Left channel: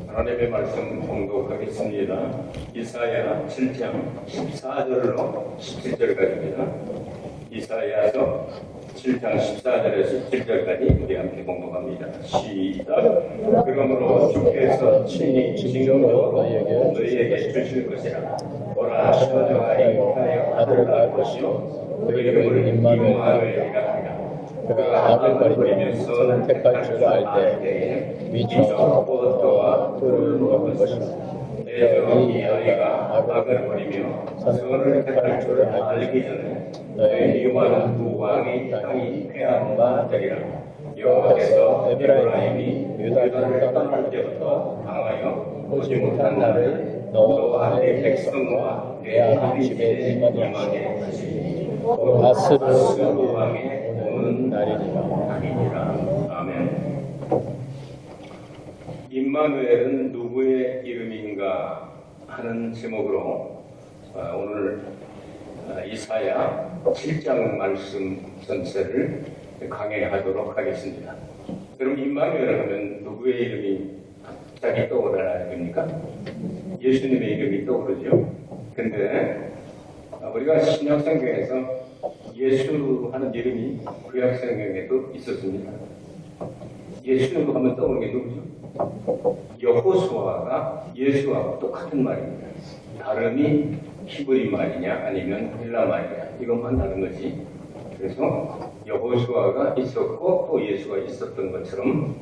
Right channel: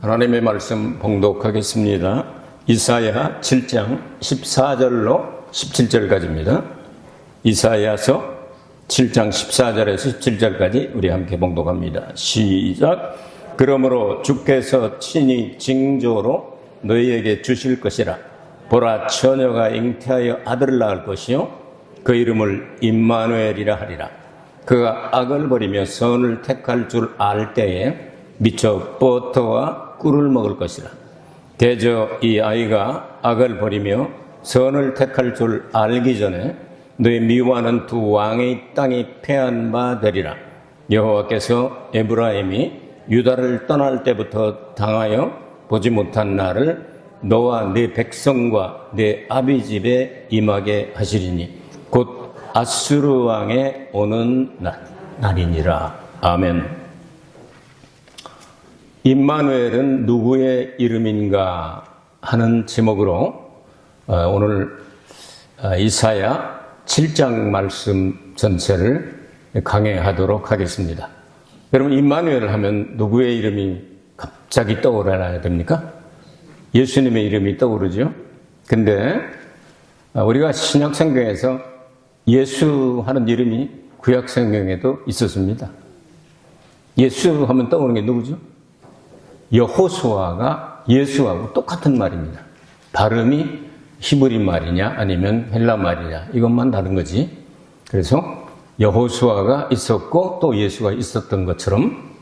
하나님의 말씀 봉독하겠습니다. 이사야 7장 14절로 17절까지입니다. 이사야서 7장 14절에서 17절까지 우리 함께 봉독합니다. 시작. 그러므로 주께서 친히 징조로 너희에게 주실 것이라. 보라, 처녀가 잉태하여 아들을 낳을 것이요 그 이름을 임마누엘이라 하리라. 그가 악을 버리며 선을 택할 줄 알 때에 미쳐 버터와 꿀을 먹을 것이다. 대저 이 아이가 악을 버리며 선을 택할 줄 알기 전에 너희 미워하는 두 왕의 땅이 패한 바 되리라. 여호와께서 에브라임이 유다를 떠날 때부터 당하여 보지 못한 날을 너와 네 백성과 네 아비 집에 임하게 하시리니 곧 아수르 왕의 오는 날이니라. 아멘. 임마누엘은 누구의 이름인가 하는 제목으로 오늘 이사야 7장 말씀 전체를 강해하도록 하겠습니다. 여러분, 임마누엘 하면 누구의 이름이 갑자기 떠오르야 됩니까? 예수님의 이름이 떠오르죠. 근데 우리가 신약성경에서 예수 하는 이름이 구약성경에도 있었습니다. 예수 하면 떠오르는 게 누구죠? 여호수아가 예수하고 똑같은 말입니다. 발음이 히브리 말이냐 아니면 헬라 말이냐 이것만 다른 거지. 그래서 여호수아가 있었고 또 예수가 있었던 것처럼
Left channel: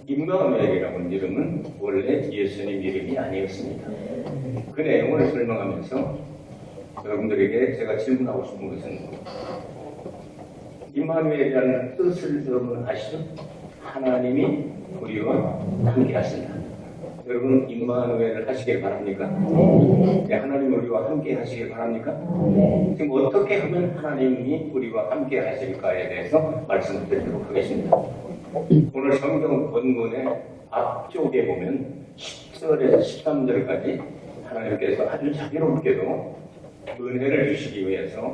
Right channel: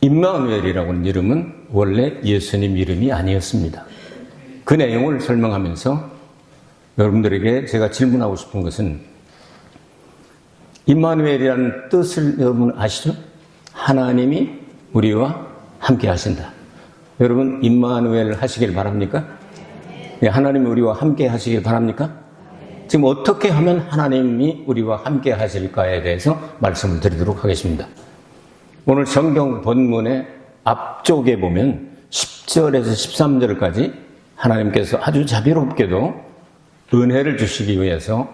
임마누엘이라고 하는 이름은 원래 예수님 이름이 아니었습니다. 그 내용을 설명하면서 여러분들에게 제가 질문하고 싶은 것은 임마누엘이라는 뜻을 여러분 아시죠? 하나님이 우리와 함께 하신다. 여러분, 임마누엘 하시길 바랍니까? 네, 하나님이 우리와 함께 하시길 바랍니까? 지금 어떻게 하면 하나님이 우리와 함께 하실까에 대해서 말씀을 드리도록 하겠습니다. 오늘 성경 본문의 앞쪽에 보면 10절에서 13절까지 하나님께서 아주 자비롭게도 은혜를 주시기 위해서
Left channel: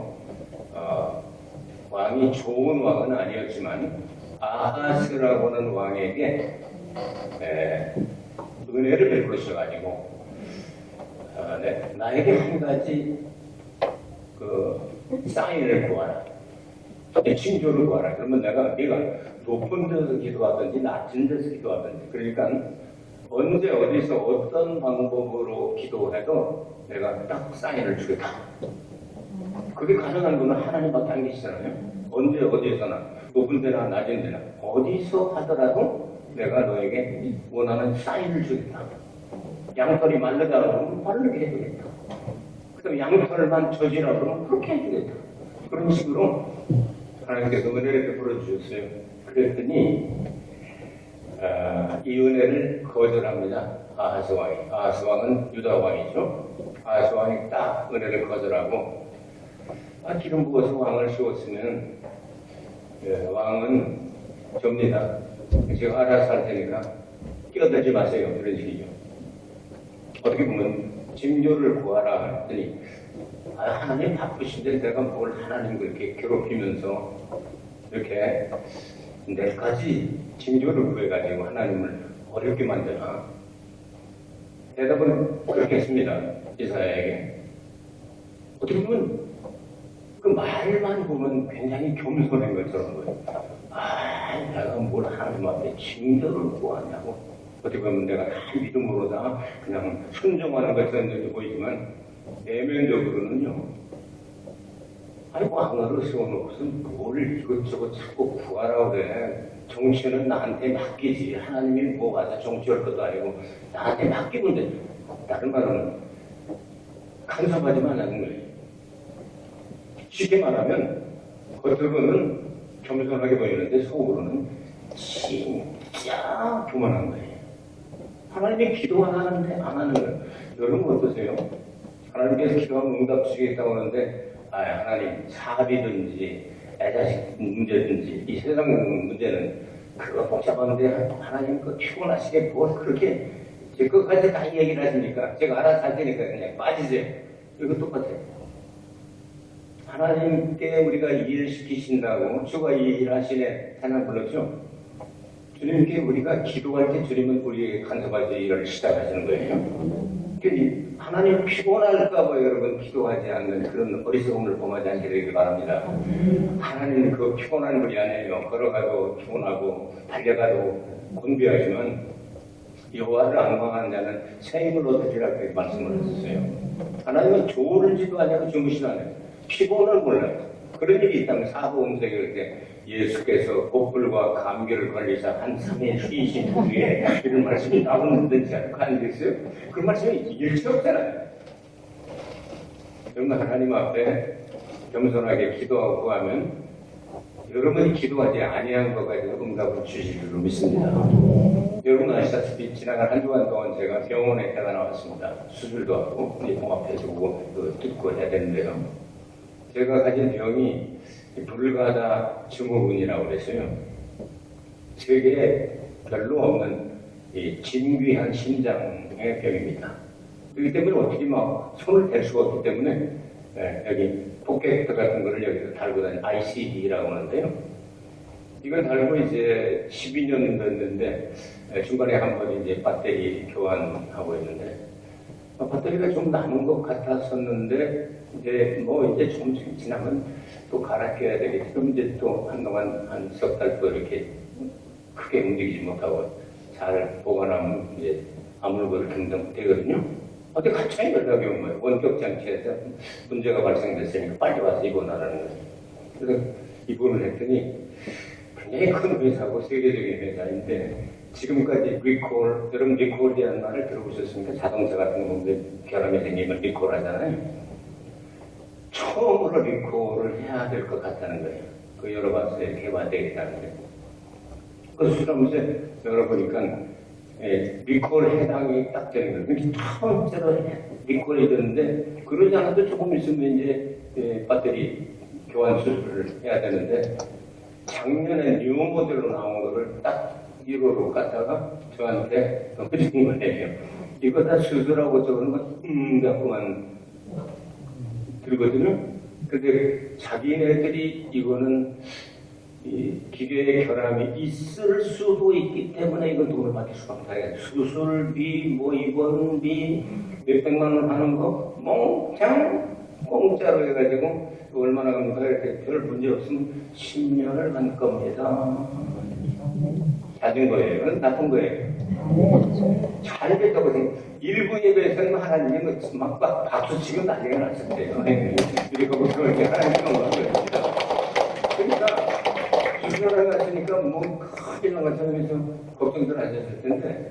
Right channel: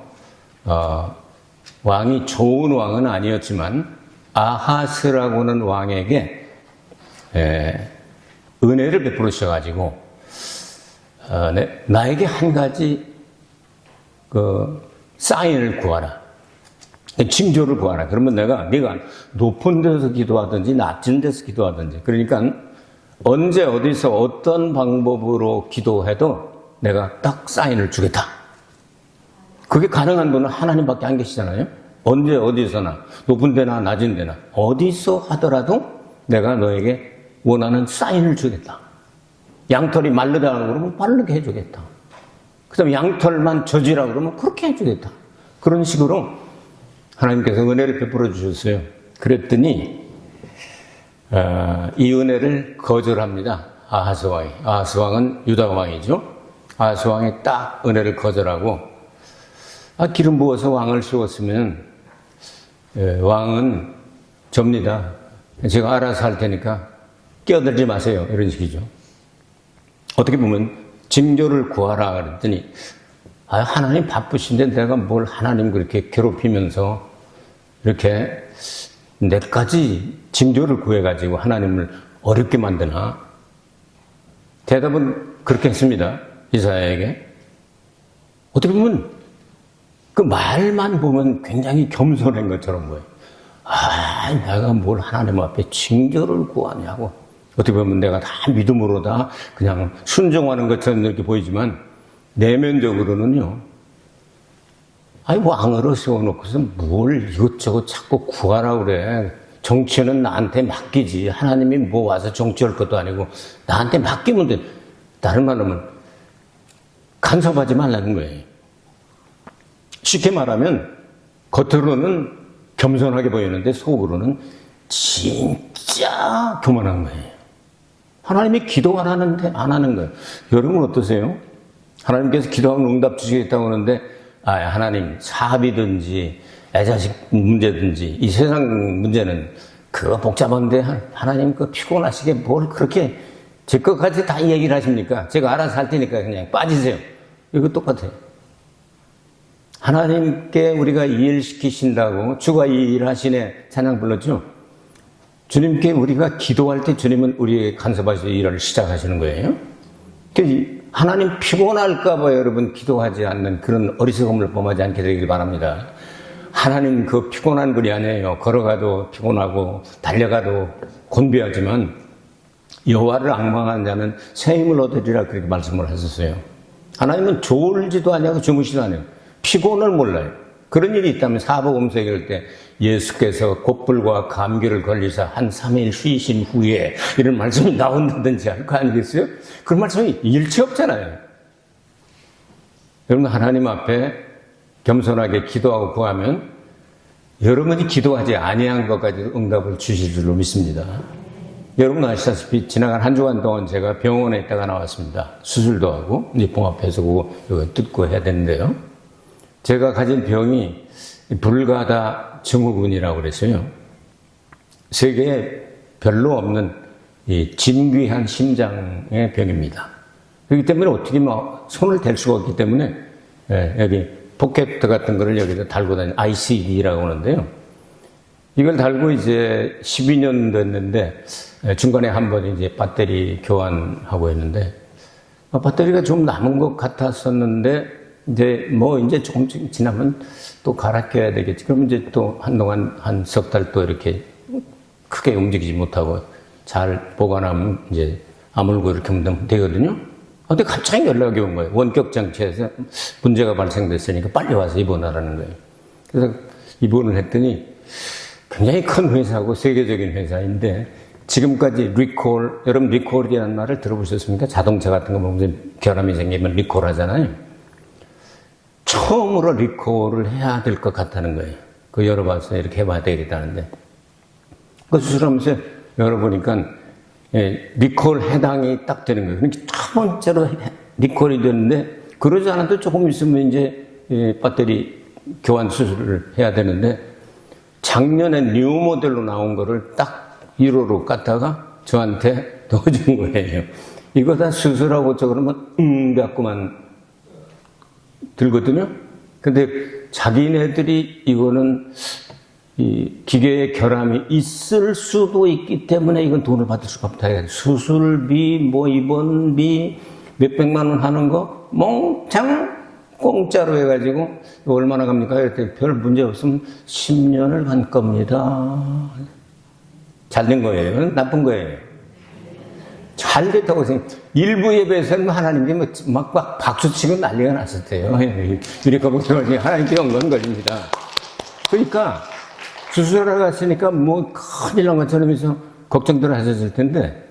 왕이 좋은 왕은 아니었지만 아하스라고 하는 왕에게 은혜를 베풀으셔가지고 나에게 한 가지 사인을 구하라, 징조를 구하라. 그러면 네가 높은 데서 기도하든지 낮은 데서 기도하든지, 그러니까 언제 어디서 어떤 방법으로 기도해도 내가 딱 사인을 주겠다. 그게 가능한 분은 하나님밖에 안 계시잖아요. 언제 어디서나 높은 데나 낮은 데나 어디서 하더라도 내가 너에게 원하는 사인을 주겠다. 양털이 마르다 그러면 마르게 해주겠다. 그 다음에 양털만 젖으라 그러면 그렇게 해주겠다. 그런 식으로 하나님께서 은혜를 베풀어 주셨어요. 그랬더니 이 은혜를 거절합니다. 아하스 왕이. 아하스 왕은 유다 왕이죠. 아하스 왕이 딱 은혜를 거절하고 기름 부어서 왕을 세웠으면 왕은 접니다. 제가 알아서 할 테니까 끼어들지 마세요. 이런 식이죠. 어떻게 보면 징조를 구하라 그랬더니 하나님 바쁘신데 내가 뭘 하나님 그렇게 괴롭히면서 이렇게 내까지 징조를 구해가지고 하나님을 어렵게 만드나. 대답은 그렇게 했습니다. 이사야에게. 어떻게 보면 그 말만 보면 굉장히 겸손한 것처럼 보여요. 내가 뭘 하나님 앞에 징조를 구하냐고. 어떻게 보면 내가 다 믿음으로 다 그냥 순종하는 것처럼 이렇게 보이지만 내면적으로는요. 왕으로 세워놓고서 뭘 이것저것 자꾸 구하라고 그래. 정치는 나한테 맡기지. 하나님이 뭐 와서 정치할 것도 아니고 나한테 맡기면 돼. 다른 말하면 간섭하지 말라는 거예요. 쉽게 말하면 겉으로는 겸손하게 보이는데 속으로는 진짜 교만한 거예요. 하나님이 기도 안 하는 거예요. 여러분 어떠세요? 하나님께서 기도하면 응답 주시겠다고 하는데 하나님 사업이든지 애자식 문제든지 이 세상 문제는 그거 복잡한데 하나님 그 피곤하시게 뭘 그렇게 제 것까지 다 얘기를 하십니까? 제가 알아서 할 테니까 그냥 빠지세요. 이거 똑같아요. 하나님께 우리가 이 일 시키신다고 주가 이 일을 하시네 찬양 불렀죠? 주님께 우리가 기도할 때 주님은 우리의 간섭하시는 일을 시작하시는 거예요. 하나님 피곤할까봐 여러분 기도하지 않는 그런 어리석음을 범하지 않게 되길 바랍니다. 하나님 그 피곤한 분이 아니에요. 걸어가도 피곤하고 달려가도 곤비하지만 여호와를 앙망하는 자는 새 힘을 얻으리라 그렇게 말씀을 하셨어요. 하나님은 졸지도 않냐고 주무시도 않아요. 피곤을 몰라요. 그런 일이 있다면 사복음서에 이럴 때 예수께서 곧불과 감기를 걸리사 한 3일 쉬신 후에 이런 말씀이 나온다든지 할 거 아니겠어요? 그 말씀이 일치 없잖아요. 여러분 하나님 앞에 겸손하게 기도하고 구하면 여러분이 기도하지 아니한 것까지도 응답을 주실 줄로 믿습니다. 여러분 아시다시피 지나간 한 주간 동안 제가 병원에 있다가 나왔습니다. 수술도 하고 이제 봉합해서 그거 뜯고 해야 되는데요. 제가 가진 병이 불가다 증후군이라고 그랬어요. 세계에 별로 없는 이 진귀한 심장의 병입니다. 그렇기 때문에 어떻게 손을 댈 수가 없기 때문에 여기 포켓 같은 거를 여기다 달고 다니는 ICD라고 하는데요. 이걸 달고 이제 12년 됐는데 중간에 한 번 이제 배터리 교환하고 했는데 배터리가 좀 남은 것 같았었는데 이제 조금 지나면 또 갈아 껴야 되겠지. 그럼 이제 또 한동안 한 석 달 또 이렇게 크게 움직이지 못하고 잘 보관하면 이제 아물고 이렇게 하면 되거든요. 근데 갑자기 연락이 온 거예요. 원격 장치에서 문제가 발생됐으니까 빨리 와서 입원하라는 거예요. 그래서 입원을 했더니 굉장히 큰 회사고 세계적인 회사인데 지금까지 리콜, 여러분 리콜이라는 말을 들어보셨습니까? 자동차 같은 거 보면 결함이 생기면 리콜 하잖아요. 처음으로 리콜을 해야 될 것 같다는 거예요. 그 열어봐서 이렇게 해봐야 되겠다는데. 그 수술하면서 열어보니까 리콜 해당이 딱 되는 거예요. 그러니까 첫 번째로 리콜이 되는데 그러지 않아도 조금 있으면 이제 배터리 교환 수술을 해야 되는데 작년에 뉴 모델로 나온 거를 딱 1호로 깠다가 저한테 넣어준 거예요. 이거 다 수술하고 저 그러면 갖고만 들거든요. 근데 자기네들이 이거는 이 기계의 결함이 있을 수도 있기 때문에 이건 돈을 받을 수가 없다. 수술비, 입원비, 몇백만 원 하는 거 몽창 공짜로 해가지고 얼마나 갑니까? 이렇게 별 문제 없으면 10년을 간 겁니다. 잘 된 거예요? 나쁜 거예요? 잘 됐다고 생각. 일부 예배에서는 하나님께 막 박수치고 난리가 났을 때요. 이렇게 보면 하나님께 영광 걸립니다. 그러니까 수술하러 갔으니까 큰일 난 것처럼 해서 걱정들 하셨을 텐데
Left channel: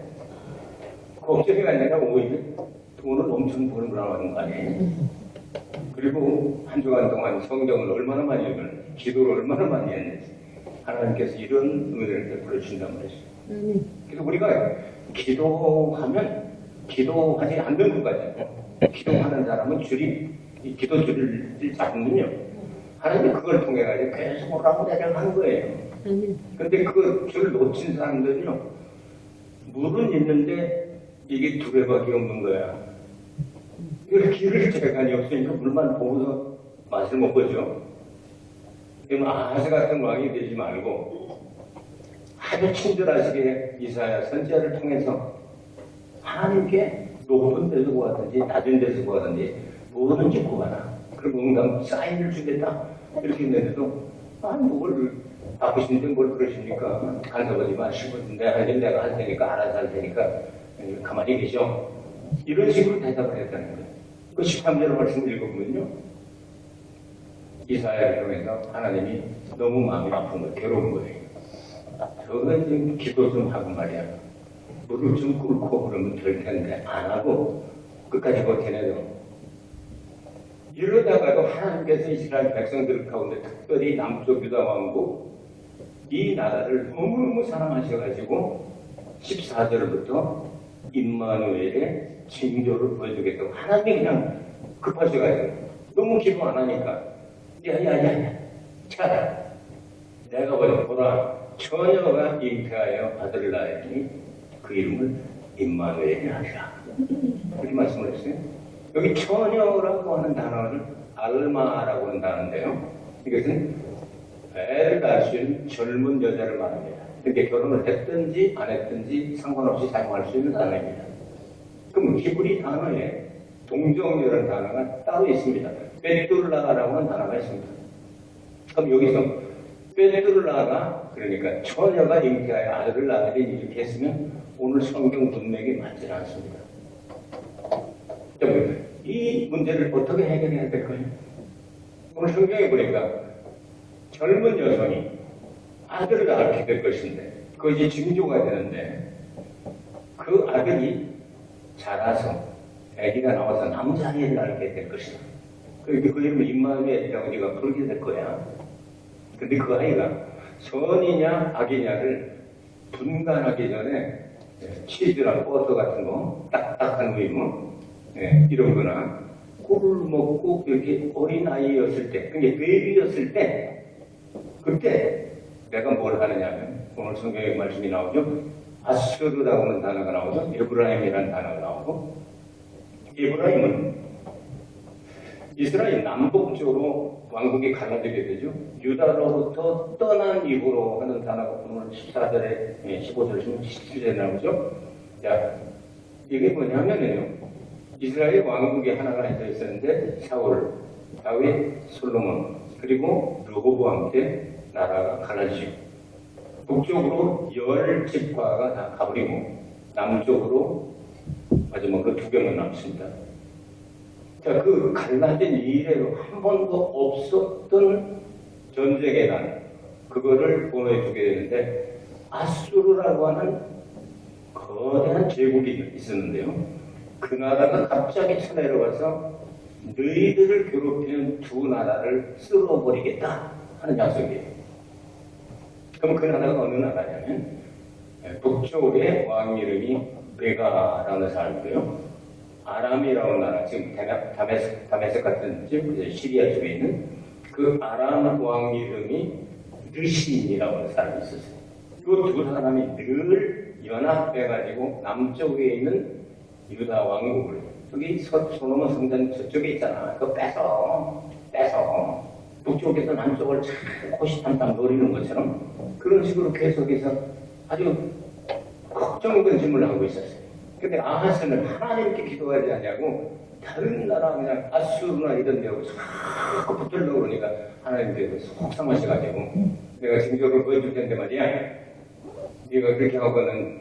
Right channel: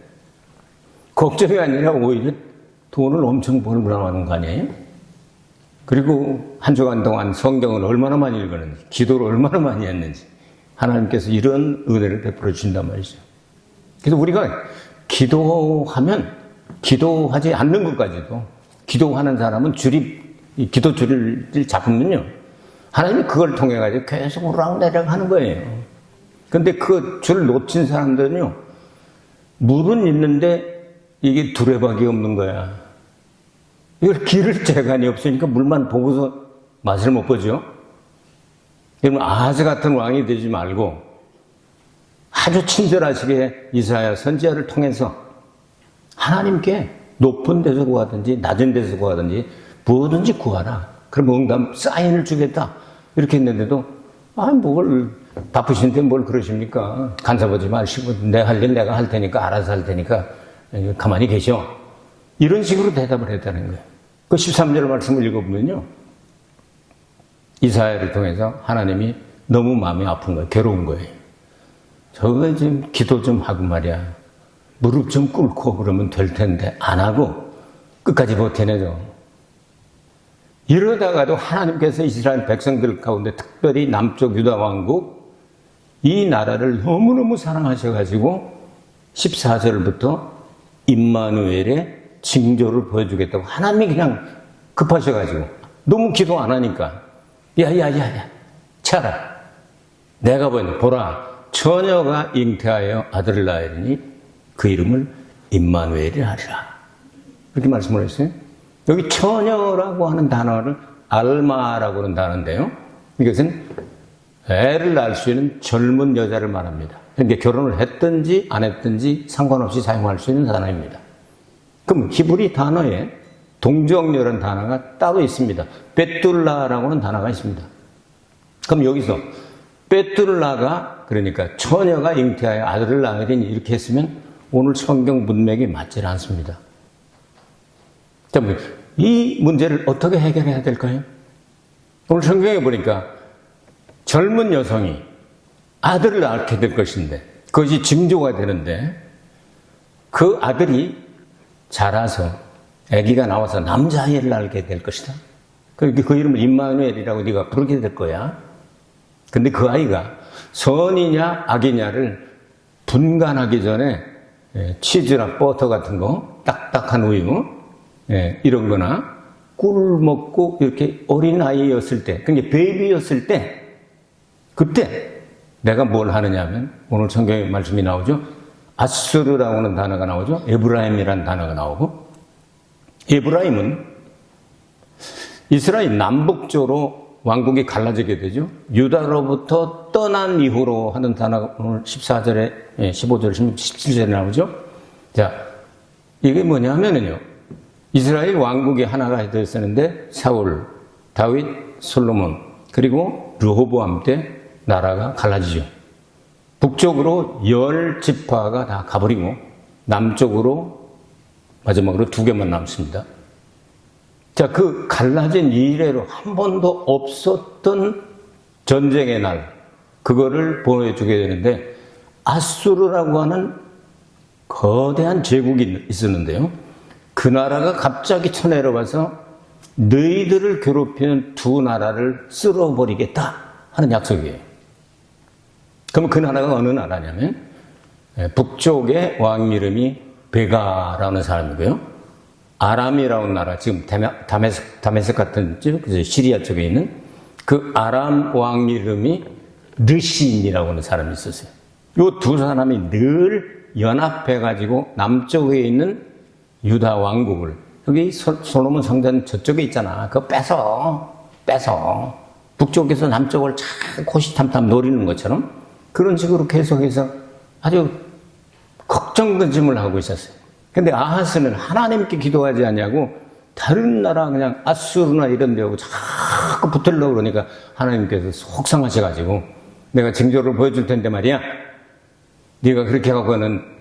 걱정이 아니라 오히려 돈을 엄청 벌고 나가는 거 아니에요? 그리고 한 주간 동안 성경을 얼마나 많이 읽었는지, 기도를 얼마나 많이 했는지 하나님께서 이런 은혜를 베풀어 주신단 말이죠. 그래서 우리가 기도하지 않는 것까지도 기도하는 사람은 기도 줄을 잡으면요. 하나님이 그걸 통해 가지고 계속 오르락내리락 하는 거예요. 근데 그 줄을 놓친 사람들은요. 물은 있는데 이게 두레박이 없는 거야. 이걸 기를 재간이 없으니까 물만 보고서 맛을 못 보죠. 여러분 아하스 같은 왕이 되지 말고 아주 친절하시게 이사야 선지자를 통해서 하나님께 높은 데서 구하든지 낮은 데서 구하든지 무엇든지 구하라. 그럼 응답 사인을 주겠다. 이렇게 했는데도 뭘 바쁘신데 뭘 그러십니까? 간섭하지 마시고 내가 할 일 내가 할 테니까 알아서 할 테니까 가만히 계셔. 이런 식으로 대답을 했다는 거예요. 그 13절 말씀을 읽어보면요. 이사야를 통해서 하나님이 너무 마음이 아픈 거예요. 괴로운 거예요. 저거 좀 기도 좀 하고 말이야. 무릎 좀 꿇고 그러면 될 텐데 안 하고 끝까지 버텨내죠. 이러다가도 하나님께서 이스라엘 백성들 가운데 특별히 남쪽 유다 왕국 이 나라를 너무너무 사랑하셔가지고 14절부터 임마누엘의 징조를 보여주겠다고 하나님이 그냥 급하셔가지고 너무 기도 안 하니까 야야야야 차라 내가 보라 처녀가 잉태하여 아들을 낳으니 그 이름을 임마누엘이 하리라. 그렇게 말씀을 했어요. 여기 처녀라고 하는 단어를 알마라고 하는 단어인데요. 이것은 애를 낳을 수 있는 젊은 여자를 말합니다. 그러니까 결혼을 했든지 안 했든지 상관없이 사용할 수 있는 단어입니다. 그럼 히브리 단어에 동정녀라는 단어가 따로 있습니다. 베툴라라고는 단어가 있습니다. 그럼 여기서 베툴라가 그러니까 처녀가 잉태하여 아들을 낳으리니 이렇게 했으면 오늘 성경 문맥이 맞지 않습니다. 자, 이 문제를 어떻게 해결해야 될까요? 오늘 성경에 보니까 젊은 여성이 아들을 낳게 될 것인데 그것이 징조가 되는데 그 아들이 자라서 아기가 나와서 남자아이를 낳게 될 것이다. 그 이름을 임마누엘이라고 네가 부르게 될 거야. 근데 그 아이가 선이냐 악이냐를 분간하기 전에 치즈나 버터 같은 거, 딱딱한 우유 이런 거나 꿀을 먹고 이렇게 어린아이였을 때, 그게 베이비였을 때 그때 내가 뭘 하느냐 하면 오늘 성경에 말씀이 나오죠. 아수르라고 하는 단어가 나오죠. 에브라임이라는 단어가 나오고 에브라임은 이스라엘 남북쪽으로 왕국이 갈라지게 되죠. 유다로부터 떠난 이후로 하는 단어가 오늘 14절에 15절, 17절에 나오죠. 자, 이게 뭐냐면요. 이스라엘 왕국이 하나가 되었었는데 사울, 다윗, 솔로몬 그리고 르호보암 때 나라가 갈라지죠. 북쪽으로 10지파가 다 가버리고 남쪽으로 마지막으로 2개만 남습니다. 자, 그 갈라진 이래로 한 번도 없었던 전쟁의 날, 그거를 보여주게 되는데 아수르라고 하는 거대한 제국이 있었는데요. 그 나라가 갑자기 쳐내려가서 너희들을 괴롭히는 두 나라를 쓸어버리겠다 하는 약속이에요. 그럼 그 나라가 어느 나라냐면 북쪽의 왕 이름이 베가라는 사람이고요. 아람이라는 나라, 지금 다메섹 같은 시리아 쪽에 있는 그 아람 왕 이름이 르신이라고 하는 사람이 있었어요. 이 두 사람이 늘 연합해가지고 남쪽에 있는 유다 왕국을, 여기 솔로몬 성전 저쪽에 있잖아. 그거 빼서 북쪽에서 남쪽을 참 호시탐탐 노리는 것처럼 그런 식으로 계속해서 아주 걱정근심을 하고 있었어요. 근데 아하스는 하나님께 기도하지 않냐고 다른 나라 그냥 아수르나 이런 데하고 자꾸 붙으려고 그러니까 하나님께서 속상하셔가지고 내가 징조를 보여줄 텐데 말이야. 네가 그렇게 하고는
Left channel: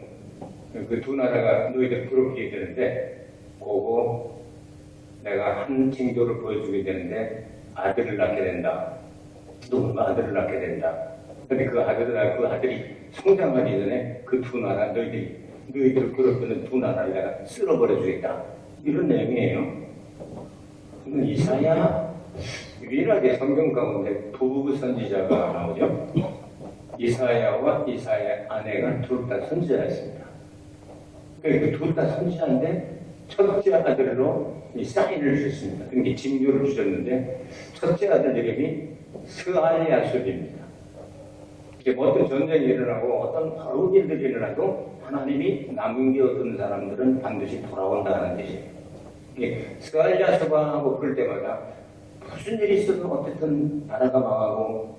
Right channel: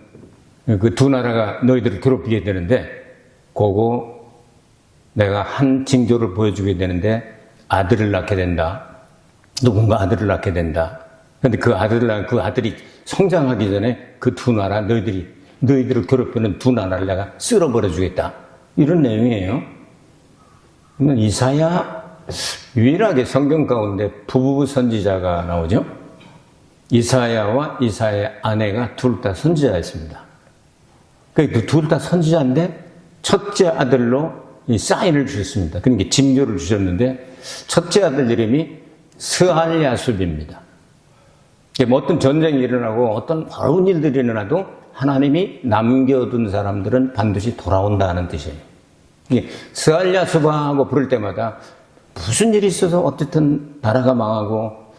그 두 나라가 너희들을 괴롭히게 되는데 그거 내가 한 징조를 보여주게 되는데 아들을 낳게 된다. 누군가 아들을 낳게 된다. 근데 그 아들이 성장하기 전에 그 두 나라 너희들을 괴롭히는 두 나라를 내가 쓸어버려 주겠다. 이런 내용이에요. 그러면 이사야 유일하게 성경 가운데 부부 선지자가 나오죠. 이사야와 이사야의 아내가 둘 다 선지자였습니다. 그 둘 다 선지자인데 첫째 아들로 이 사인을 주셨습니다. 그러니까 징조를 주셨는데 첫째 아들 이름이 스알야숲입니다. 어떤 전쟁이 일어나고 어떤 어려운 일들이 일어나도 하나님이 남겨둔 사람들은 반드시 돌아온다는 뜻이에요. 스알야숲하고 부를 때마다 무슨 일이 있어서 어쨌든 나라가 망하고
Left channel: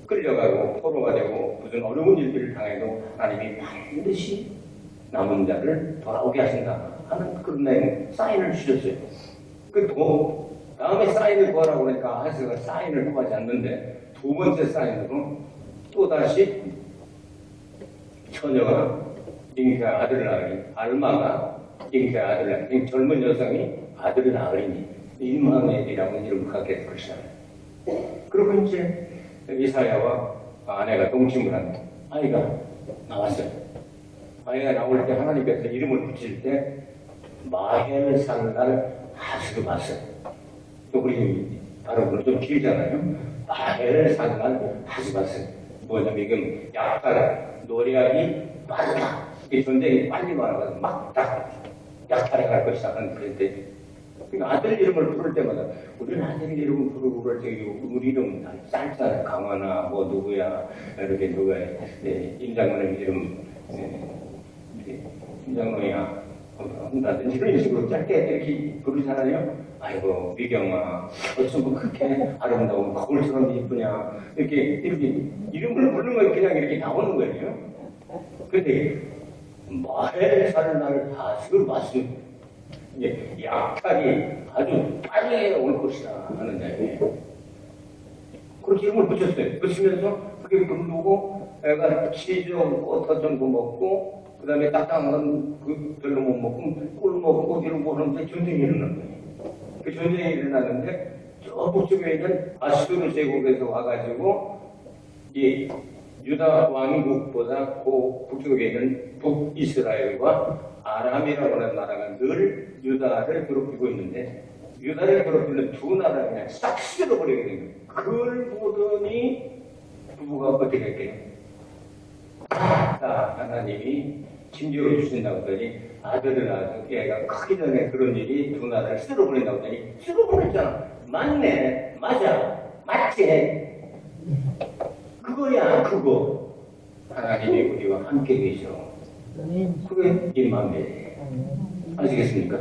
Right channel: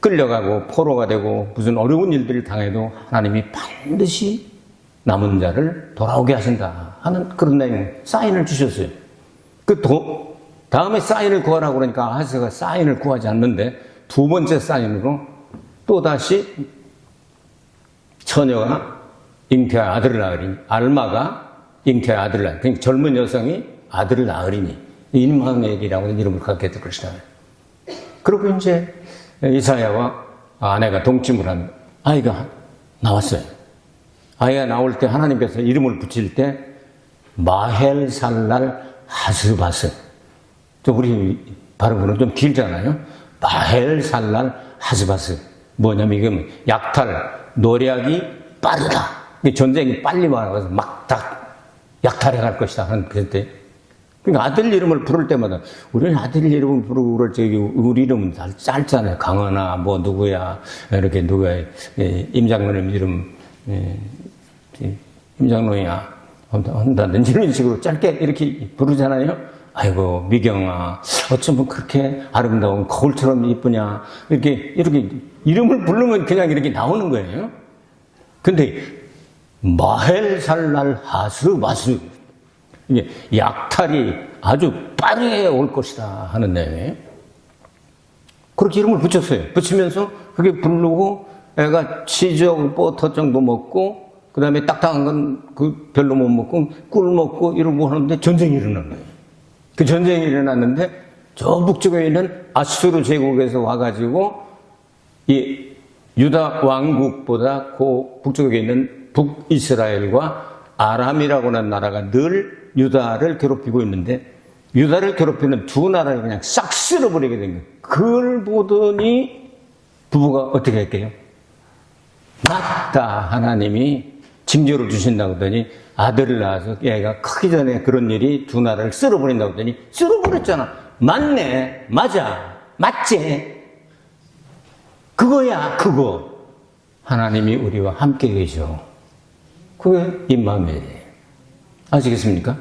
끌려가고 포로가 되고 무슨 어려운 일들을 당해도 하나님이 반드시 남은 자를 돌아오게 하신다 하는 그런 내용 사인을 주셨어요. 다음에 사인을 구하라고 그러니까 아하스가 사인을 구하지 않는데 두 번째 사인으로 또다시 처녀가 잉태한 아들을 낳으리니 알마가 잉태한 아들을 낳으리니 그러니까 젊은 여성이 아들을 낳으리니 임마누엘이라고 이름을 갖게 될 것이다. 그리고 이제 이사야와 아내가 동침을 한 아이가 나왔어요. 아이가 나올 때 하나님께서 이름을 붙일 때 마헬살랄 하스바스. 좀 우리 발음은 좀 길잖아요. 마헬살랄 하스바스. 뭐냐면 이건 약탈, 노략이 빠르다. 전쟁이 빨리 말아가서 막 다 약탈해 갈 것이다 하는 그때. 그러니까 아들 이름을 부를 때마다 우리는 아들 이름을 부르고 그럴 때 우리 이름 짧잖아요. 강원아, 뭐 누구야, 이렇게 누구야, 임장로님 이름, 임장로야 한다든지 이런 식으로 짧게 이렇게 부르잖아요. 아이고 미경아 어쩜 그렇게 아름다운 거울처럼 이쁘냐 이렇게 이름을 부르면 그냥 이렇게 나오는 거예요. 근데 마헬살날 하스바스, 이게 약탈이 아주 빠르게 올 것이다 하는 내용이에요. 그렇게 이름을 붙였어요. 붙이면서 그게 부르고 애가 치즈하고 버터 정도 먹고 그 다음에 딱딱한 건 그 별로 못 먹고 꿀 먹고 이러고 하는데 전쟁이 일어난 거예요. 그 전쟁이 일어났는데 저 북쪽에 있는 아수르 제국에서 와가지고 이 유다 왕국보다 그 북쪽에 있는 북이스라엘과 아람이라고 하는 나라가 늘 유다를 괴롭히고 있는데 유다를 괴롭히는 두 나라를 그냥 싹 쓸어버리게 된 거예요. 그걸 보더니 부부가 어떻게 할게요? 맞다, 하나님이 징조를 주신다고 하더니 아들을 낳아서 얘가 크기 전에 그런 일이 두 나라를 쓸어버린다고 하더니 쓸어버렸잖아. 맞네, 맞아, 맞지? 그거야, 그거. 하나님이 우리와 함께 계셔. 그게 임마누엘이에요. 아시겠습니까?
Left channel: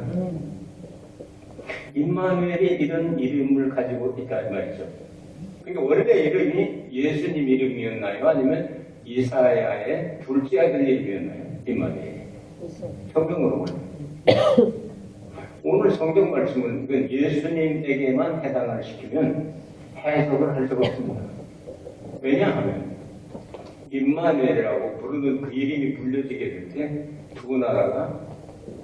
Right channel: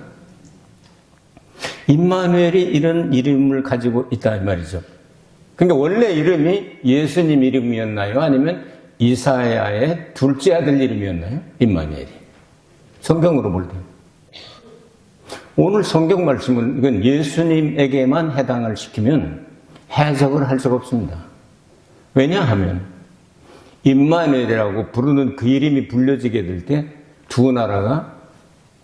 임마누엘이 이런 이름을 가지고 있다 이 말이죠. 그러니까 원래 이름이 예수님 이름이었나요? 아니면 이사야의 둘째 아들 이름이었나요? 임마누엘이. 성경으로 볼까요? 오늘 성경 말씀은 이건 예수님에게만 해당을 시키면 해석을 할 수가 없습니다. 왜냐하면 임마누엘이라고 부르는 그 이름이 불려지게 될 때 두 나라가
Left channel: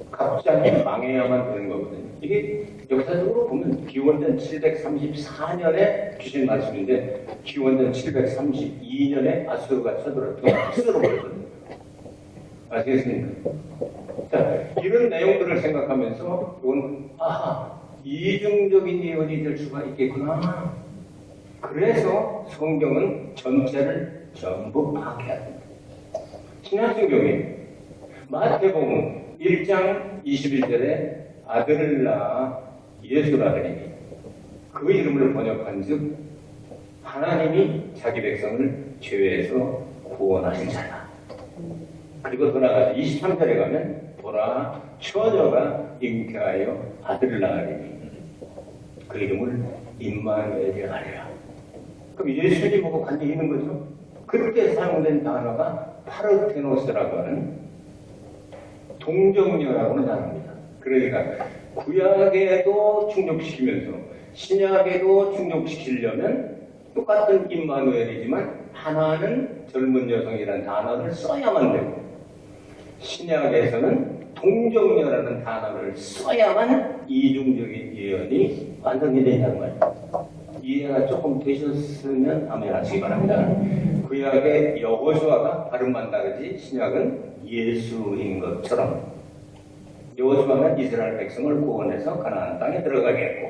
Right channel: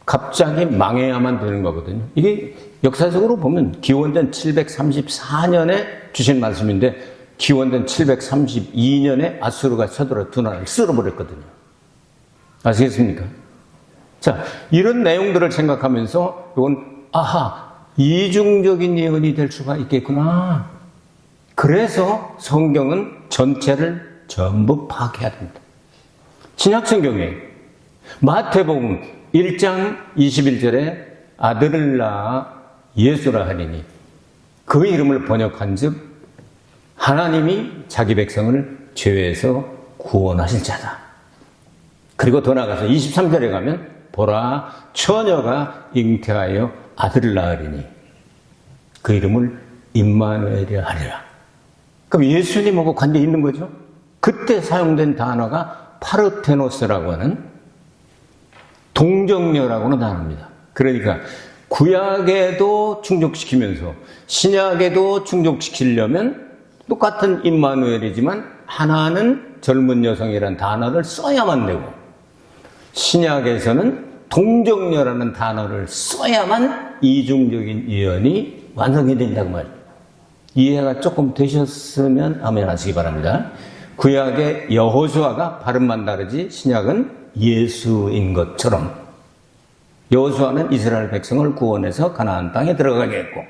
갑자기 망해야만 되는 거거든요. 이게 역사적으로 보면 기원전 734년에 주신 말씀인데 기원전 732년에 아수르가 쳐들어 두 나라를 쓸어버렸거든요. 아시겠습니까? 자, 이런 내용들을 생각하면서 이건 아하, 이중적인 예언이 될 수가 있겠구나. 그래서 성경은 전체를 전부 파악해야 됩니다. 신약성경에 마태복음 1장 21절에 아들을 낳아 예수라 하리니 그 이름을 번역한 즉 하나님이 자기 백성을 죄에서 구원하실 자다. 그리고 더 나아가서 23절에 가면 보라 처녀가 잉태하여 아들을 낳으리니 그 이름을 임마누엘이라 하리라. 그럼 예수님하고 관계 있는 거죠? 그때 사용된 단어가 파르테노스라고 하는 동정녀라고는 단어입니다. 그러니까 구약에도 충족시키면서 신약에도 충족시키려면 똑같은 임마누엘이지만 하나는 젊은 여성이라는 단어를 써야만 되고 신약에서는 동정녀라는 단어를 써야만 이중적인 예언이 완성이 된단 말이에요. 이해가 조금 되셨으면 아멘 하시기 바랍니다. 구약의 여호수아가 발음만 다르지 신약은 예수인 것처럼 여호수아는 이스라엘 백성을 구원해서 가나안 땅에 들어가게 했고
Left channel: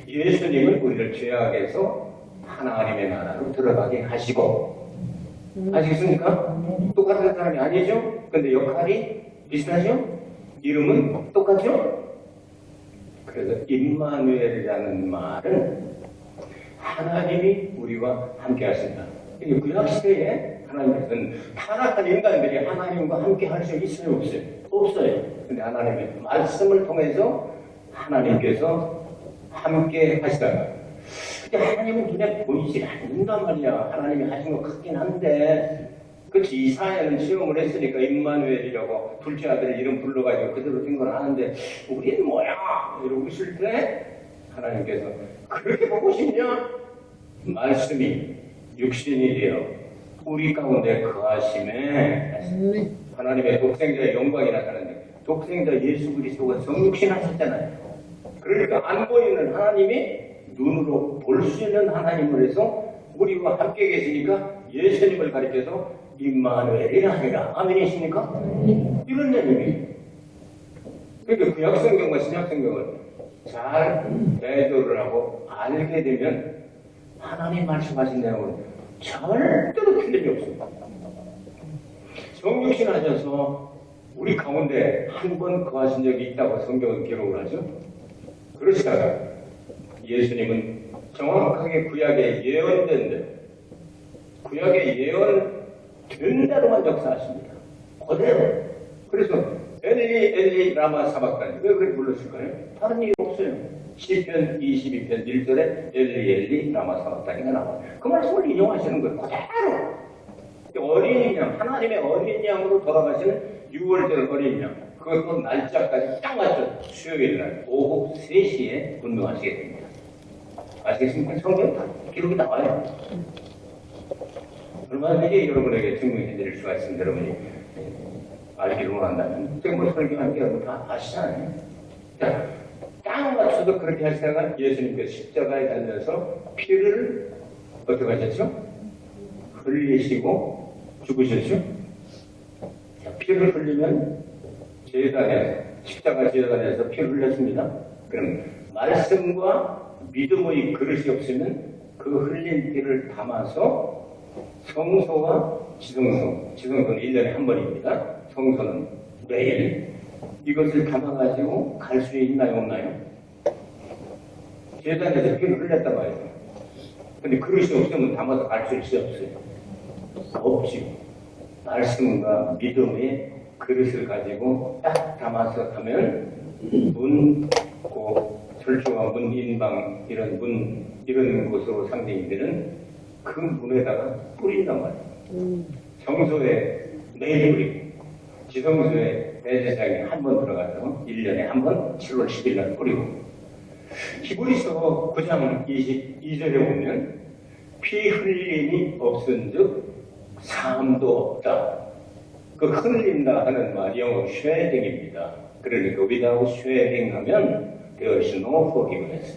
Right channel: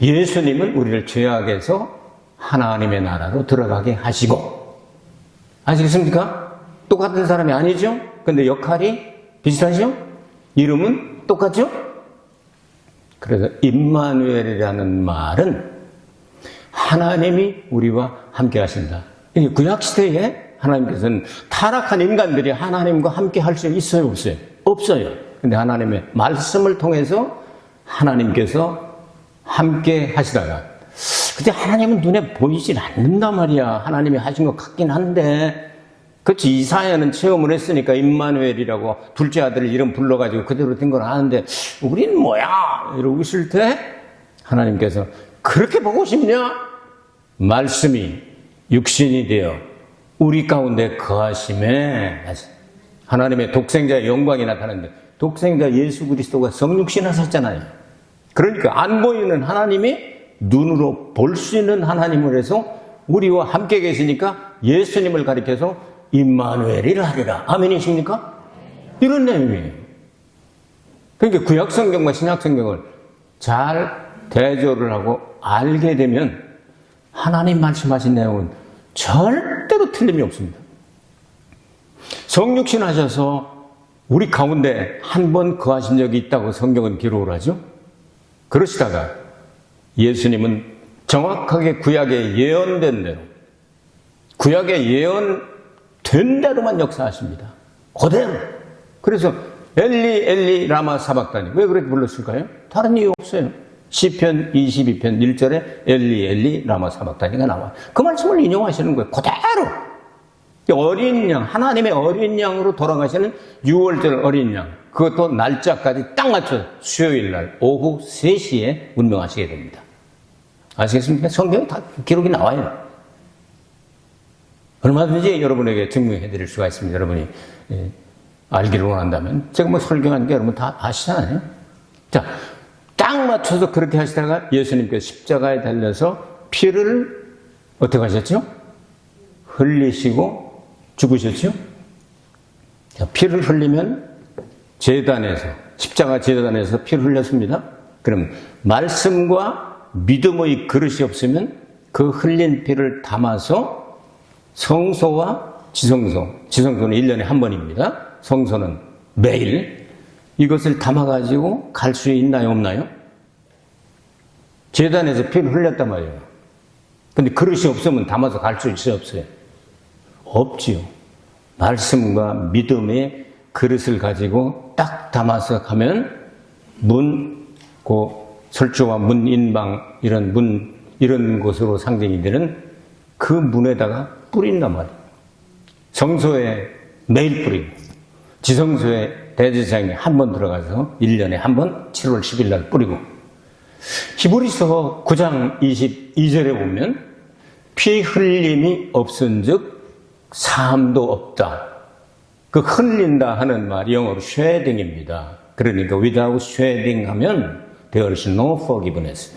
예수님은 우리를 죄악에서 하나님의 나라로 들어가게 하시고 아시겠습니까? 똑같은 사람이 아니죠? 근데 역할이 비슷하죠? 이름은 똑같죠? 그래서 임마누엘이라는 말은 하나님이 우리와 함께 하신다. 구약시대에 하나님께서는 타락한 인간들이 하나님과 함께 할 수 있어요? 없어요? 없어요. 근데 하나님의 말씀을 통해서 하나님께서 함께 하시다가 근데 하나님은 눈에 보이질 않는단 말이야. 하나님이 하신 것 같긴 한데 그렇지. 이사야는 체험을 했으니까 임마누엘이라고 둘째 아들을 이름 불러가지고 그대로 된 걸 아는데 우리는 뭐야? 이러고 있을 때 하나님께서 그렇게 보고 싶냐? 말씀이 육신이 되어 우리 가운데 거하심에 하나님의 독생자의 영광이 나타났는데 독생자 예수 그리스도가 성육신 하셨잖아요. 그러니까 안 보이는 하나님이 눈으로 볼 수 있는 하나님을 해서 우리와 함께 계시니까 예수님을 가리켜서 임마누엘이라 하리라. 아멘이십니까? 이런 내용이에요. 그러니까 구약성경과 신약성경을 잘 대조를 하고 알게 되면 하나님 말씀하신 내용은 절대로 틀림이 없습니다. 성육신 하셔서 우리 가운데 한 번 거하신 적이 있다고 성경은 기록을 하죠. 그러시다가 예수님은 정확하게 구약에 예언된 대로 구약에 예언된 대로만 역사하십니다. 그대로. 그래서 엘리 엘리 라마 사박다니 왜 그렇게 불렀을까요? 다른 이유 없어요. 시편 22편 1절에 엘리 엘리 라마 사박다니가 나와요. 그 말씀을 인용하시는 거예요. 그대로. 어린 양, 하나님의 어린 양으로 돌아가시는 6월절 어린 양, 그것도 날짜까지 딱 맞춰 수요일 날 오후 3시에 운명하시게 됩니다. 아시겠습니까? 성경 다 기록이 나와요. 얼마든지 여러분에게 증명해 드릴 수가 있습니다. 여러분이 알기를 원한다면. 제가 뭐 설교하는 게 여러분 다 아시잖아요. 자, 딱 맞춰서 그렇게 하시다가 예수님께서 십자가에 달려서 피를 어떻게 하셨죠? 흘리시고 죽으셨죠? 자, 피를 흘리면 제단에서, 십자가 제단에서 피를 흘렸습니다. 그럼 말씀과 믿음의 그릇이 없으면 그 흘린 피를 담아서 성소와 지성소, 지성소는 1년에 한 번입니다. 성소는 매일. 이것을 담아가지고 갈 수 있나요, 없나요? 제단에서 피를 흘렸단 말이에요. 근데 그릇이 없으면 담아서 갈 수 있어요, 없어요? 없지요. 말씀과 믿음의 그릇을 가지고 딱 담아서 가면 설주와 문, 인방, 이런 곳으로 상징이 되는 그 문에다가 뿌린단 말이에요. 성소에 매일 뿌리고, 지성소에 대제사장이 한 번 들어가서 1년에 한 번 7월 10일 날 뿌리고, 히브리서 9장 22절에 보면 피 흘림이 없은즉 사함도 없다. 그 흘린다 하는 말이 영어 shedding입니다. 그러니까 without shedding 하면 there is no forgiveness.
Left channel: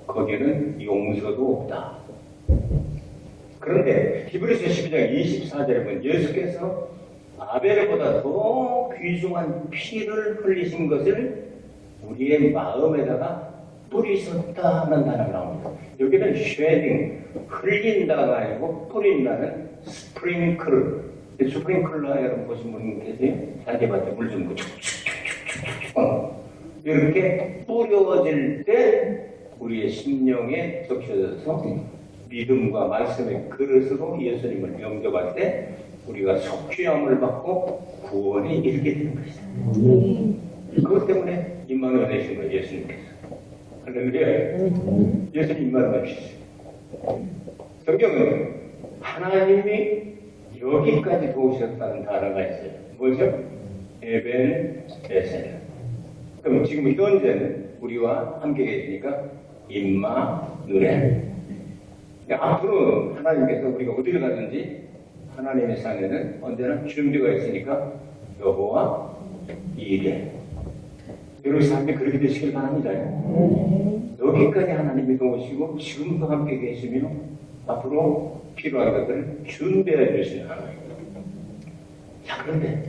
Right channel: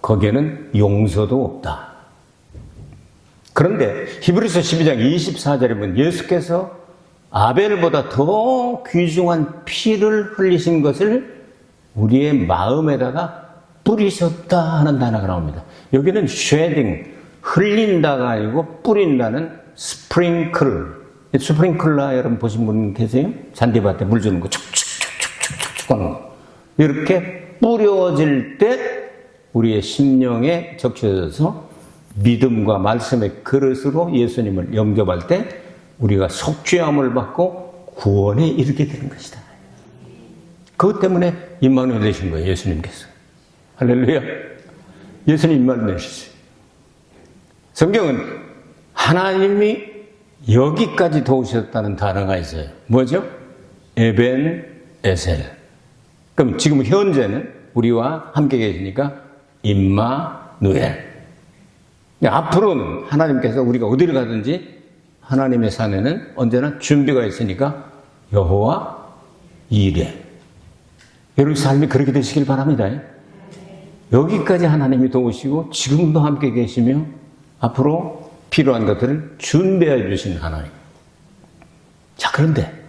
거기에는 용서도 없다. 그런데 히브리서 12장 24절에 보면 예수께서 아벨보다 더 귀중한 피를 흘리신 것을 우리의 마음에다가 뿌리셨다 하는 단어가 나옵니다. 여기는 shedding, 흘린다가 아니고 뿌린다는 스프링클러 여러분 보신 분 계세요? 잔디밭에 물 주는 거 축축축축축축 하는 거. 이렇게 뿌려질 때 우리의 심령에 적셔져서 믿음과 말씀의 그릇으로 예수님을 영접할 때 우리가 속죄함을 받고 구원에 이르게 되는 것이다. 그것 때문에 임마누엘 되신 거예요, 예수님께서. 할렐루야. 예수님 임마누엘 되셨어요. 성경은 하나님이 여기까지 도우셨다는 단어가 있어요. 뭐죠? 에벤 에셀. 그럼 지금 현재는 우리와 함께 계시니까 임마누엘. 앞으로는 하나님께서 우리가 어디를 가든지 하나님의 산에는 언제나 준비가 있으니까 여호와 이레. 여러분 삶이 그렇게 되시길 바랍니다. 여기까지 하나님이 도우시고 지금도 함께 계시며 앞으로 필요한 것들을 준비해 주신 하나님. 자, 그런데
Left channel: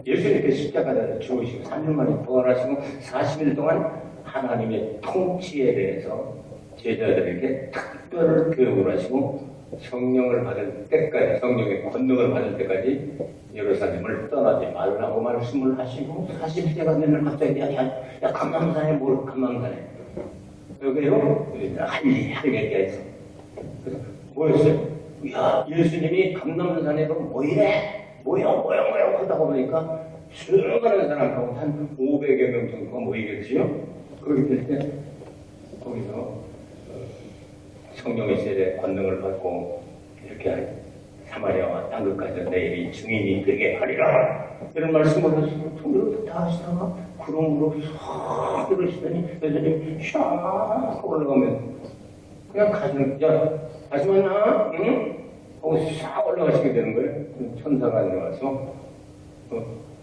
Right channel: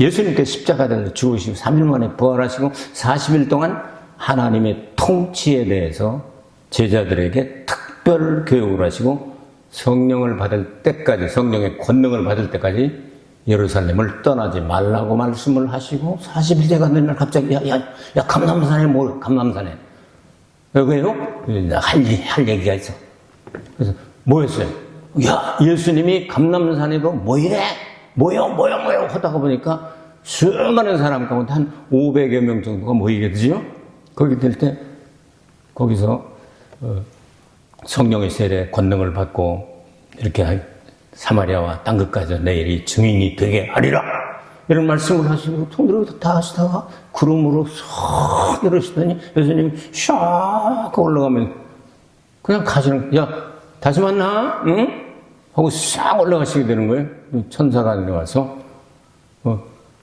예수님께서 십자가에서 죽으시고 3일 만에 부활하시고 40일 동안 하나님의 통치에 대해서 제자들에게 특별 교육을 하시고 성령을 받을 때까지, 성령의 권능을 받을 때까지 예루살렘을 떠나지 말라고 말씀을 하시고 40세가 되면 갑자기 야 감람산에 뭘 감람산에 왜요? 할 얘기가 있어. 그래서 뭐였어요? 야, 예수님이 감람산에로 뭐요 하다가 보니까 수많은 사람 가운데 한 500여 명 정도가 모이게 되죠. 거기 될 때 거기서 성령의 세례 권능을 받고 이렇게 사마리아와 땅 끝까지 내일이 증인이 되게 하리라 이런 말씀을 하시고 손으로 다 하시다가 구름으로 쏙 내려오시더니 예수님이 샥 올라가면 그냥 가시는 야 다시 만나 응? 하고 싹 올라가시게 되는 거예요. 천사가 내려와서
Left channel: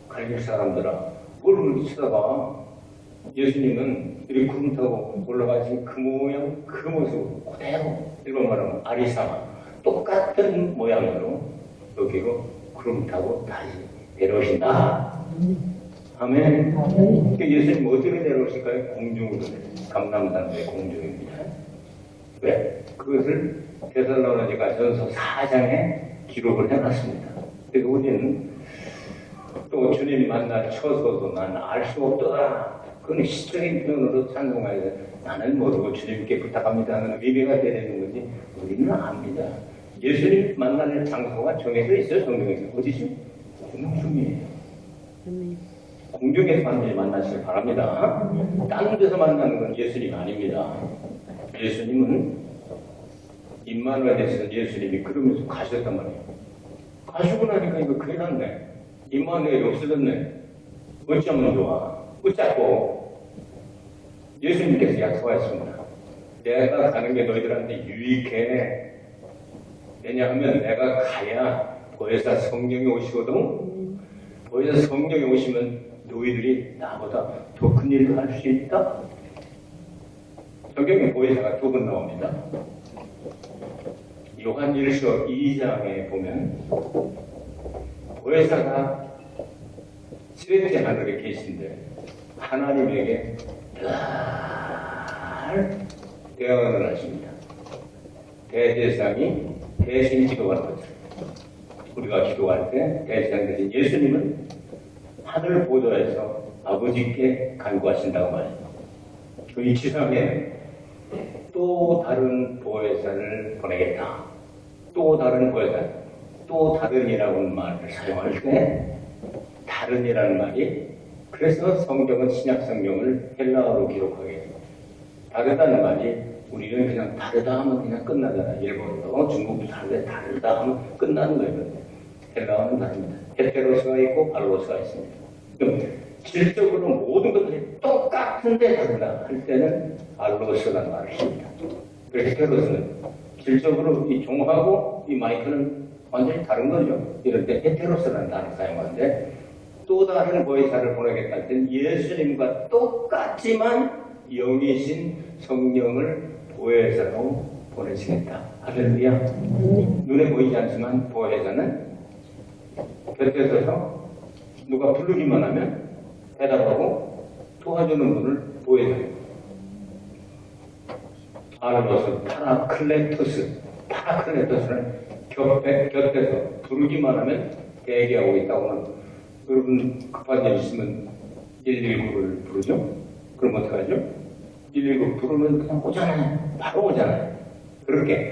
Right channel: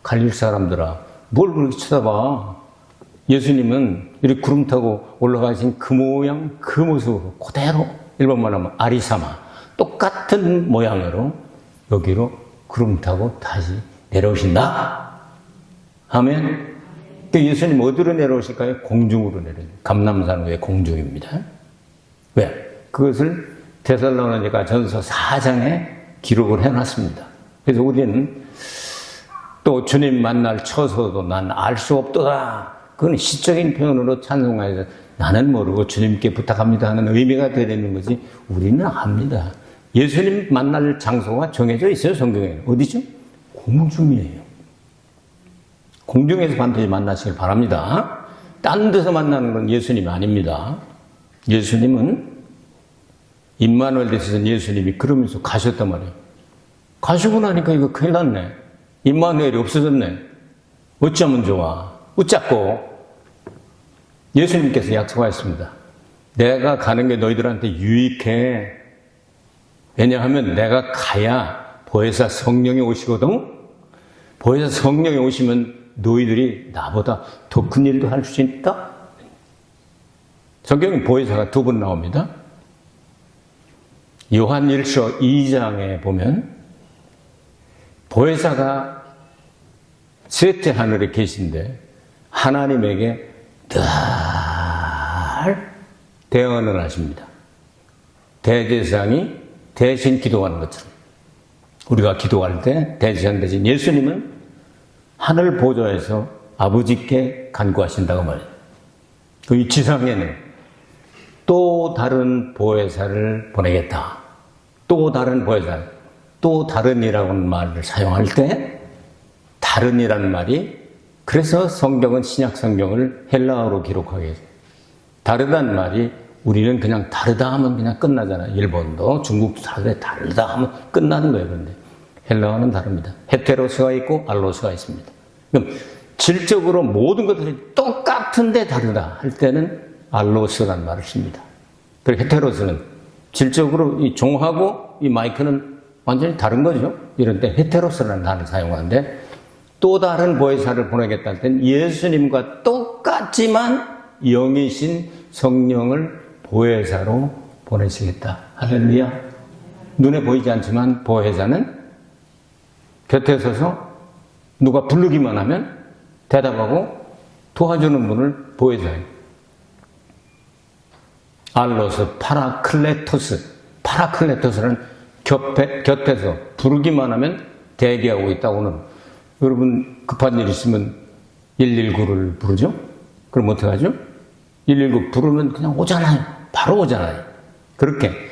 갈릴 사람들아 뭘 그렇게 쳐다봐. 예수님은 이렇게 구름 타고 올라가신 그 모양 그 모습 그대로 일본말 하면 아리사마 똑같은 모양으로 여기로 구름 타고 다시 내려오신다. 아멘. 근데 예수님 어디로 내려오실까요? 공중으로 내려오세요. 감람산 위에 공중입니다. 왜? 그것을 데살로니가 전서 4장에 기록을 해놨습니다. 그래서 우리는 또 주님 만날 처소도 난 알 수 없도다. 그건 시적인 표현으로 찬송하여서 나는 모르고 주님께 부탁합니다 하는 의미가 되는 거지 우리는 압니다. 예수님 만날 장소가 정해져 있어요. 성경에. 어디죠? 공중이에요. 공중에서 반드시 만나시길 바랍니다. 딴 데서 만나는 건 예수님이 아닙니다. 예수님은 임마누엘 되시던 예수님이 그러면서 가셨단 말이에요. 가시고 나니까 이거 큰일 났네. 임마누엘이 없어졌네. 어쩌면 좋아. 웃자고 예수님께서 약속하셨습니다. 내가 가는 게 너희들한테 유익해. 왜냐하면 내가 가야 보혜사 성령이 오시거든. 보혜사 성령이 오시면 너희들이 나보다 더 큰 일도 할 수 있다. 성경에 보혜사가 2번 나옵니다. 요한 1서 2장에 보면 보혜사가 셋째 하늘에 계신데 하나님에게 늘 대언을 하십니다. 대제사장이 대신 기도하는 것처럼 우리가 기도할 때 대제사장 대신 예수님은 하늘 보좌에서 아버지께 간구하신다고 말해요. 이 지상에는 또 다른 보혜사를 보내겠다. 또 다른 보혜사, 또 다른이라는 말을 사용할 때 다른이라는 말이 그래서 성경은 신약 성경을 헬라어로 기록하게 해요. 다르다는 말이 우리는 그냥 다르다 하면 그냥 끝나잖아요. 일본도 중국도 다르다 하면 끝나는 거예요. 그런데 헬라어는 다릅니다. 헤테로스가 있고 알로스가 있습니다. 그럼 질적으로 모든 것들이 똑같은데 다르다 할 때는 알로스라는 말을 씁니다. 그리고 헤테로스는 질적으로 이 종하고 이 마이크는 완전히 다른 거죠. 이럴 때 헤테로스라는 단어를 사용하는데 또 다른 보혜사를 보내겠다는 때는 예수님과 똑같지만 영이신 성령을 보혜사로 보내시겠다. 할렐루야. 눈에 보이지 않지만 보혜사는 곁에 서서 누가 부르기만 하면 대답하고 도와주는 분을 보혜사예요. 알로스, 파라클레토스. 파라클레토스는 곁에서 부르기만 하면 대기하고 있다고는 여러분 급한 일 있으면 119를 부르죠? 그럼 어떻게 하죠? 119 부르면 그냥 오잖아요. 바로 오잖아요. 그렇게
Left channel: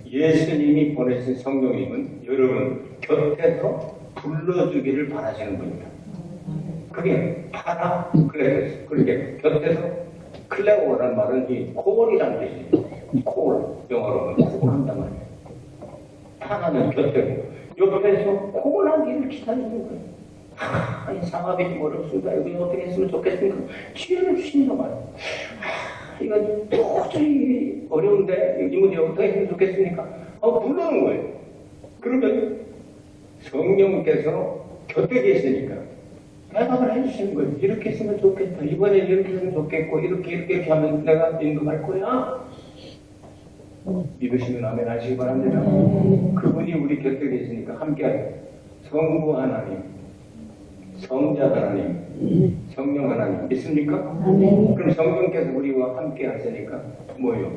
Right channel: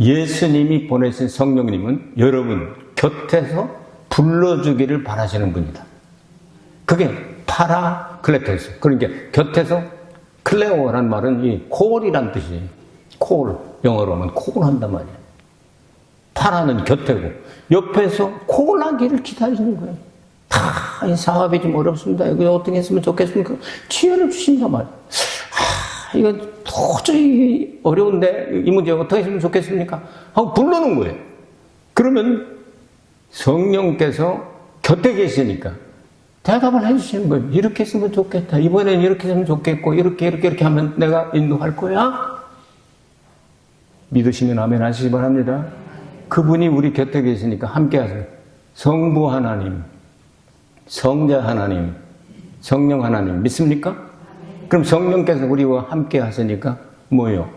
예수님이 보내신 성령님은 여러분 곁에서 불러주기를 바라시는 분이다. 그게 파라클레토스. 그러니까 곁에서 클레오라는 말은 이 콜이란 뜻이에요. 콜. 영어로 하면 콜 한단 말이에요. 파라는 곁에고 옆에서 콜하기를 기다리는 거예요. 이 사업이 좀 어렵습니다. 이거 어떻게 했으면 좋겠습니까? 지혜를 주신단 말이에요. 이거 도저히 어려운데 이 문제 어떻게 했으면 좋겠습니까? 하고 부르는 거예요. 그러면 성령께서 곁에 계시니까 대답을 해주시는 거예요. 이렇게 했으면 좋겠다. 이번엔 이렇게 했으면 좋겠고 이렇게 하면 내가 인도할 거야. 믿으시면 아멘 하시기 바랍니다. 그분이 우리 곁에 계시니까 함께 하세요. 성부 하나님, 성자 하나님, 성령 하나님 믿습니까? 그럼 성령께서 우리와 함께 하시니까 뭐요?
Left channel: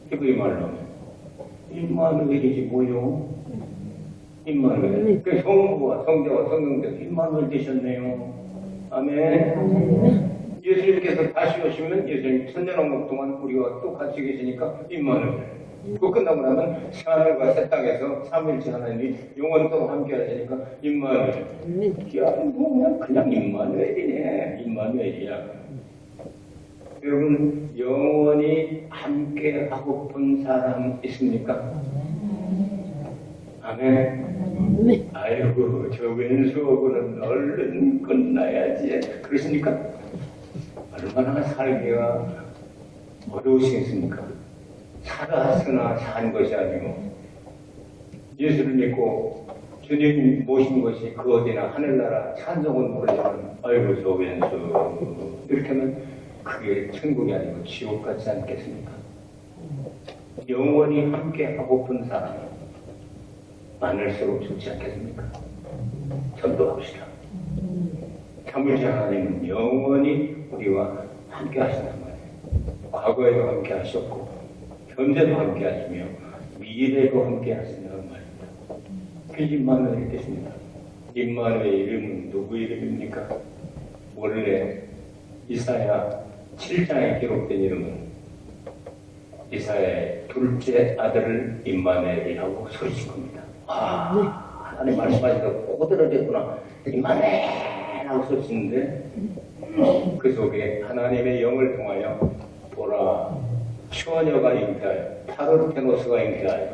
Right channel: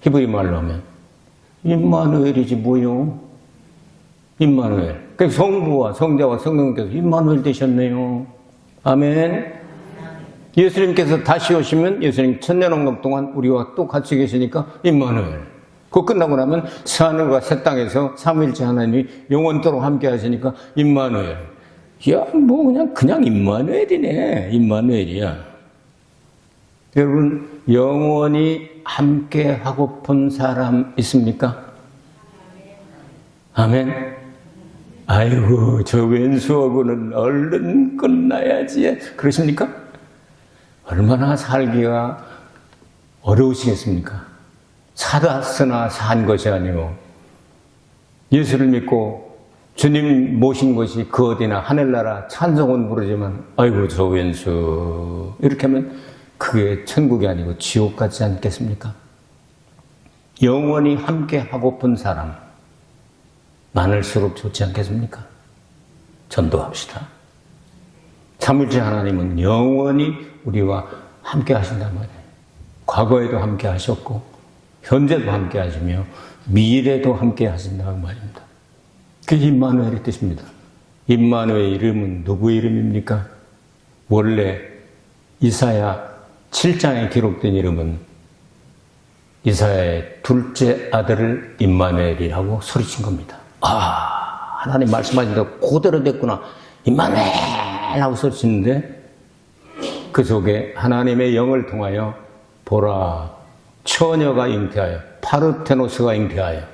히브리 말로 하면 임마누엘이지 뭐요? 임마누엘. 그러니까 성부와 성자와 성령께서 임마누엘 되셨네요. 아멘. 예수님께서 다시 오시면 예수님 천년왕국 동안 우리와 또 같이 계시니까 임마누엘. 그거 끝나고 나면 새하늘과 새 땅에서 삼위일체 하나님이 영원토록 함께 하시니까 임마누엘. 야, 뭐 그냥 임마누엘이네. 임마누엘이야. 여러분 영원히 함께 하고픈 사람 있습니까? 아멘. 아이고 저 왼수하고는 얼른 끝나야지. 그러십니까? 얼마나 살기가 어려우시겠습니까? 살았으나 산 것이 아니고 예수를 믿고 주님 모신 것이 그 어디나 하늘나라 찬송은 부르지만 아이고 저 왼수 이렇게 하면 그게 천국이 아니고 지옥 같지 않겠습니까? 영원히 함께 하고픈 사람 많을수록 좋지 않겠습니까? 전도합시다. 참을지 하나님은 영원히 우리와 함께 하신단 말이에요. 과거에도 함께 하셨고 현재도 함께 하시며 미래도 함께 하신다는 말입니다. 그게 임마누엘의 뜻입니다. 임마누엘의 이름은 누구 이름입니까? 원래 이사야 7장에 기록된 이름은 이사야의 둘째 아들을 임마누엘이라고 소리친 겁니다. 아, 하나님 말씀하시니까 그대로 됐구나. 임마누엘 하고 소리치는데 그 속에 하나님의 영을 통하여 보라 처녀가 잉태하여 파르테노스가 잉태하여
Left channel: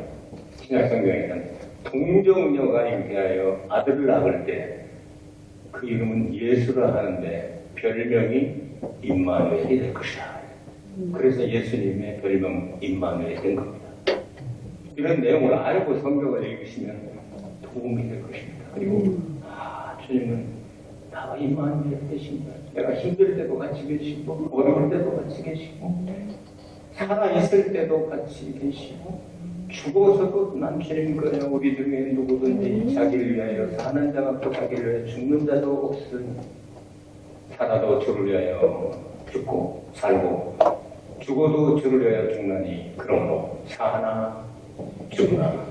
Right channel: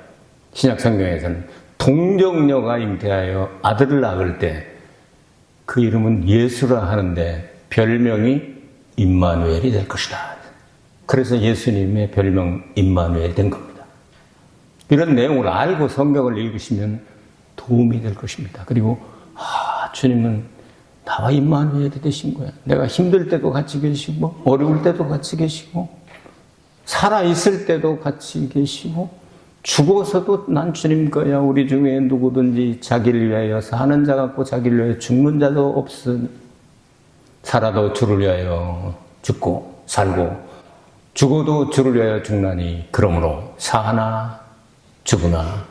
신약성경에서는 동정녀가 잉태하여 아들을 낳을 때 그 이름은 예수라 하는데 별명이 임마누엘이 될 것이다. 그래서 예수님의 별명 임마누엘 된 겁니다. 이런 내용을 알고 성경을 읽으시면 도움이 될 것입니다. 그리고 주님은 나와 임마누엘이 되신 거야. 내가 힘들 때도 같이 계시고 어려울 때도 같이 계시고 살아있을 때도 같이 계시고 죽어서도 난 주님 거야. 우리 중에 누구든지 자기를 위하여 사는 자 같고 자기를 위하여 죽는 자도 없음. 살아도 주를 위하여 죽고 살고 죽어도 주를 위하여 죽나니 그러므로 사나 죽으나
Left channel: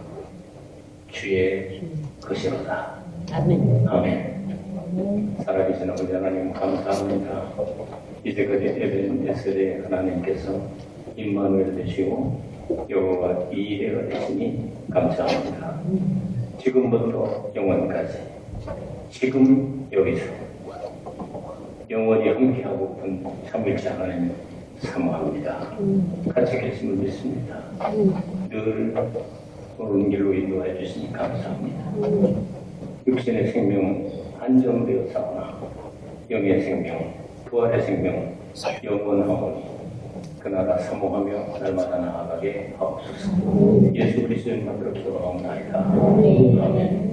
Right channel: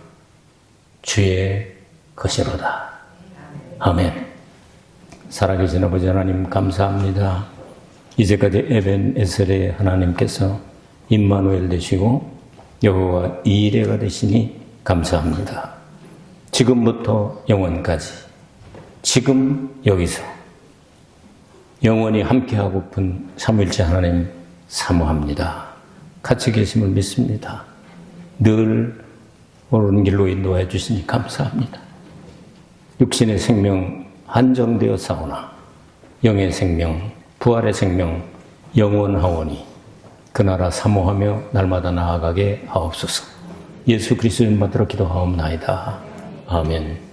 주의 것이로다. 아멘. 아멘. 살아계신 아버지 하나님 감사합니다. 이제까지 에벤에셀의 하나님께서 임마누엘 되시고 여호와 이레가 되시니 감사합니다. 지금부터 영원까지 지금 여기서 영원히 함께하고픈 삼위일체 하나님 사모합니다. 같이 계심을 믿습니다. 늘 옳은 길로 인도해 주시니 감사합니다. 육신의 생명 한정되어 사오나 영의 생명, 부활의 생명 영원하오니 그 나라 사모하며 날마다 나아가게 하옵소서. 예수 그리스도의 이름으로 기도하옵나이다. 아멘.